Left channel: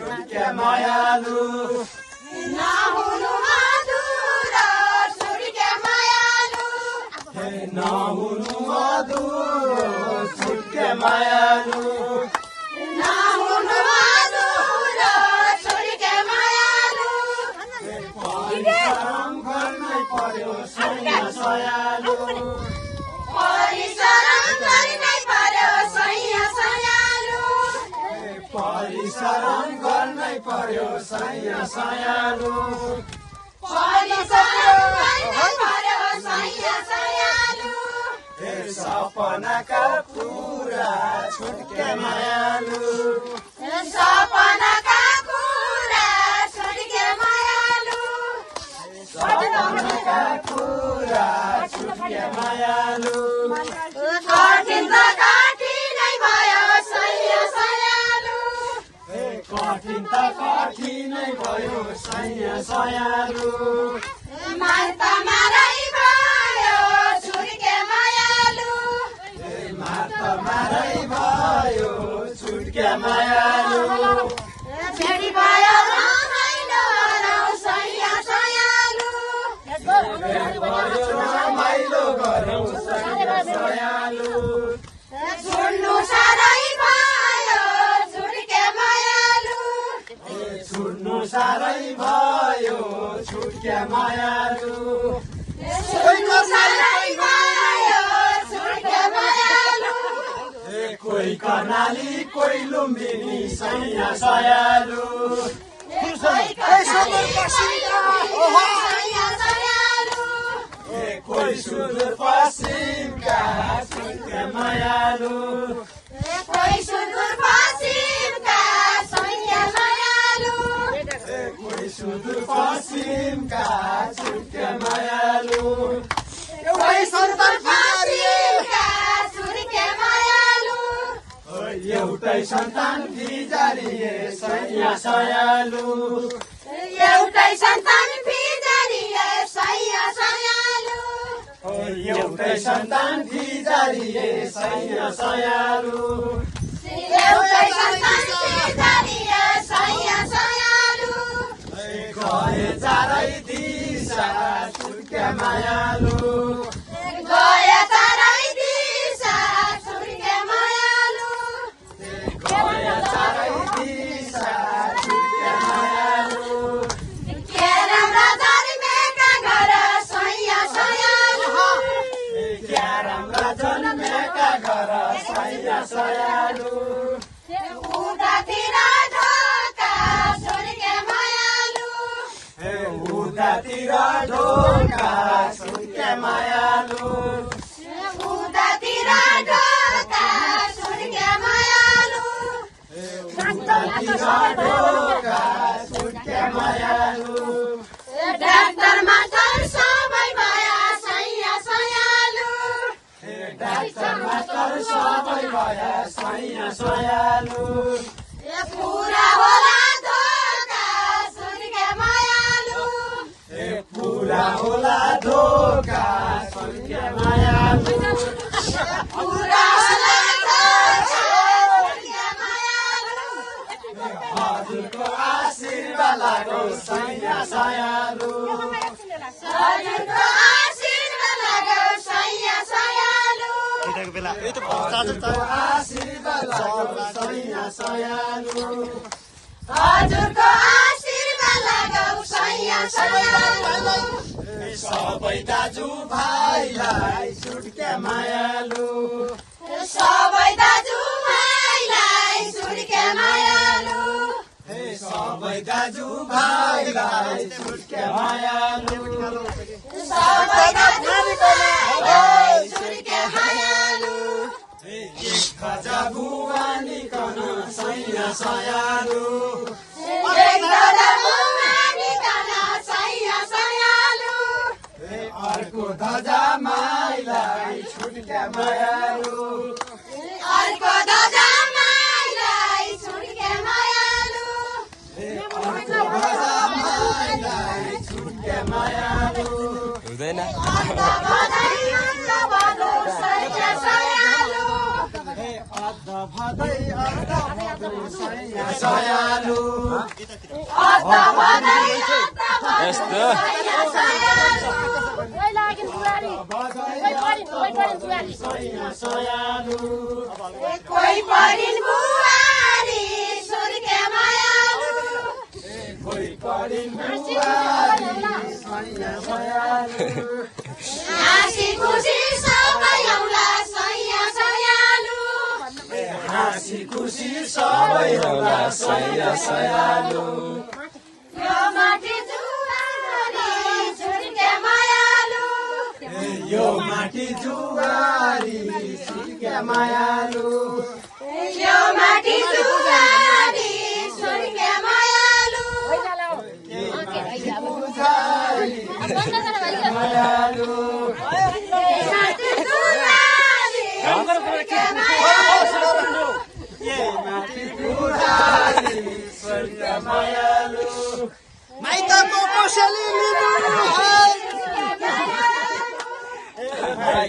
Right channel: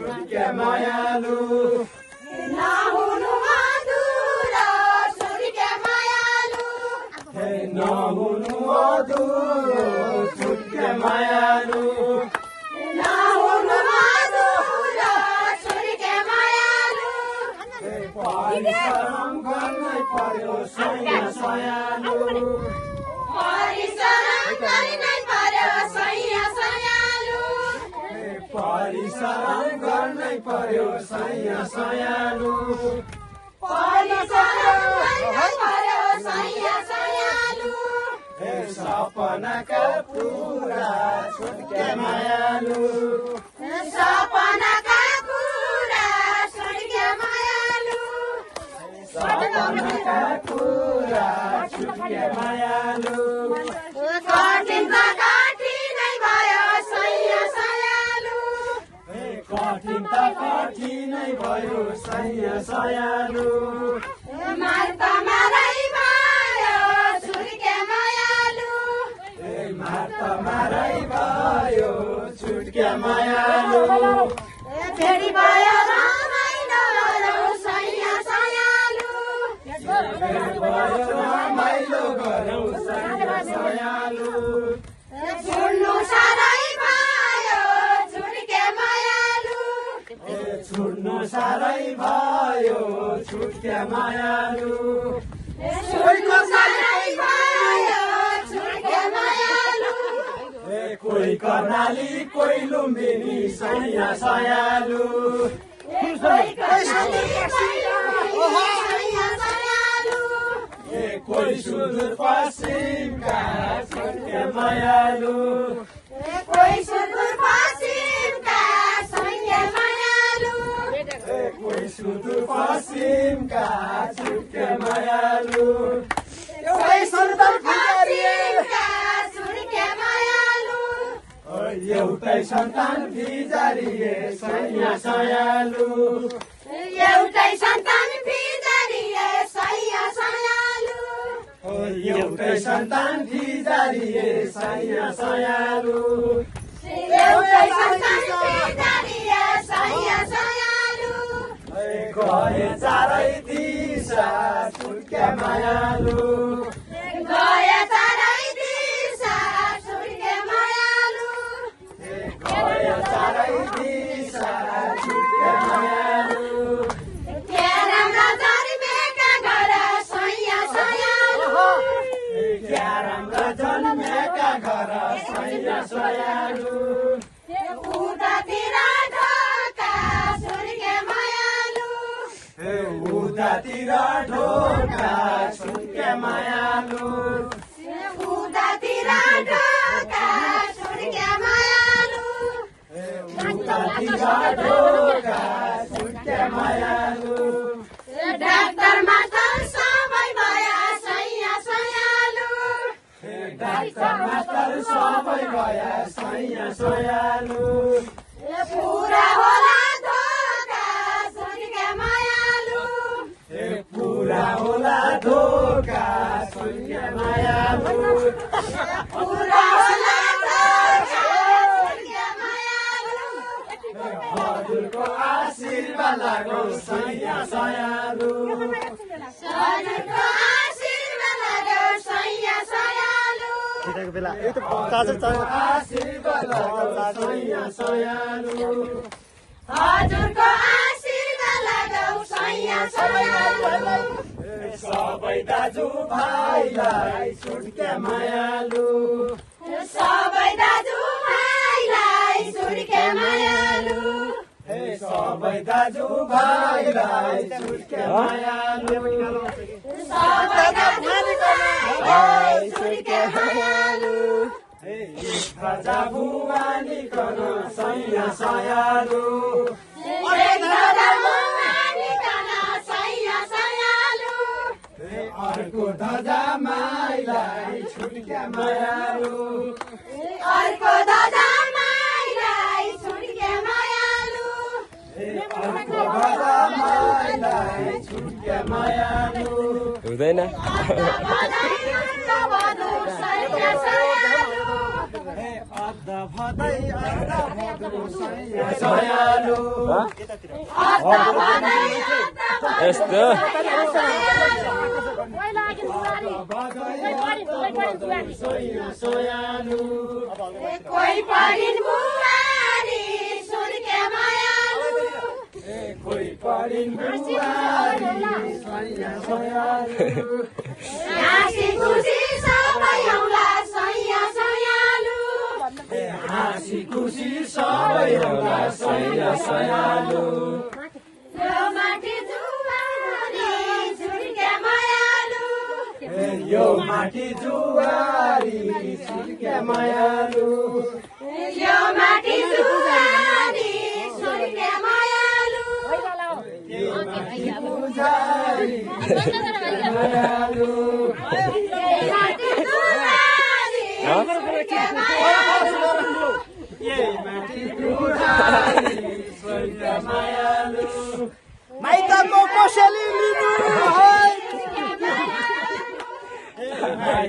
छुट्के मायालु नहुनु अधुरो छुट्के मायालु हे नहुनु अधुरो छुट्के मायालु नहुनु अधुरो छुट्के मायालु परिश्रम गर्नै पर्यो सैया सयालु परिश्रम गर्नै पर्यो सैया सयालु परिश्रम गर्नै पर्यो सैया सयालु परिश्रम गर्नै पर्यो सैया सयालु हे सपनाका पुरा छुट्के मायालु सपनाका कुरा छुट्के मायालु सपनाका पुरा छुट्के मायालु कठिन त कठिनै भयो सैया सयालु कठिन त कठिनै भयो सैया सयालु मारै भयो छुट्के मायालु मारै भयो छुट्के मायालु फेरि भयो रमाइलो गरौँ सैया सयालु भयो रमाइलो गरौँ सैया सयालु छुट्नु साह्रै भयो छुट्के मायालु छुट्नु साह्रै भयो छुट्के मायालु छुट्नु साह्रै भयो छुट्के मायालु कोही कर्णाली कोही लुम्बिनी सैया सयालु कोही सुदूर पश्चिमका छुट्के मायालु कोही सुदूर पश्चिमका सैया सयालु कोही सुदूर पश्चिमका छुट्के मायालु कोही सुदूर पश्चिमका छुट्के मायालु एउटै सन्तान बिजारिए सैया सयालु एउटै सन्तान बिजारिए सैया सयालु एउटै सन्तान बिजारिए सैया सयालु एउटै सन्तान बिजारिए सैया सयालु गए चारै दिशा छुट्के मायालु गए चारै दिशा छुट्के मायालु गए चारै दिशा छुट्के मायालु क्यारममा जन्मेका घर सैया सयालु क्यारममा जन्मेका घर सैया सयालु उतातिर ढोका छुट्के मायालु उतातिर ढोका छुट्के मायालु उतातिर ढोका छुट्के मायालु उतातिर ढोका छुट्के मायालु डाक्टर मास्टर सबै भयो सैया सयालु डाक्टर मास्टर सबै भए सैया सयालु पुरा होला धोका छुट्के मायालु पुरा होला धोका छुट्के मायालु पुरा होला धोका छुट्के मायालु हजुरको आशीर्वाद लागो सैया सयालु हजुरको आशीर्वाद लागो सैया सयालु केटाको बेला यो त चार्जर आशीर्वाद लागो सैया सयालु हजुरको आशीर्वाद लागो सैया सयालु सबै दाजु भाइलाई छुट्के मायालु सबै दाजु भाइलाई छुट्के मायालु सबै दाजु भाइलाई छुट्के मायालु सबै दाजु भाइलाई छुट्के मायालु खजा बुवानी कन सैया सयालु सैया सयालु अर्को धजा माइलाई छुट्के मायालु अर्को दादा माइलाई छुट्के मायालु अर्को धजा माइलाई छुट्के मायालु हुँदैन अद्ध भदै यस्तो कोही परिन् बुहारी सुर्के मायालु हाँसी खुसी सबै आउला सैया सयालु यो माटी जुवारी सुर्के मायालु यो माटी जुवारी सुर्के मायालु यो माटी जुवारी सुर्के मायालु माइका को कोसेली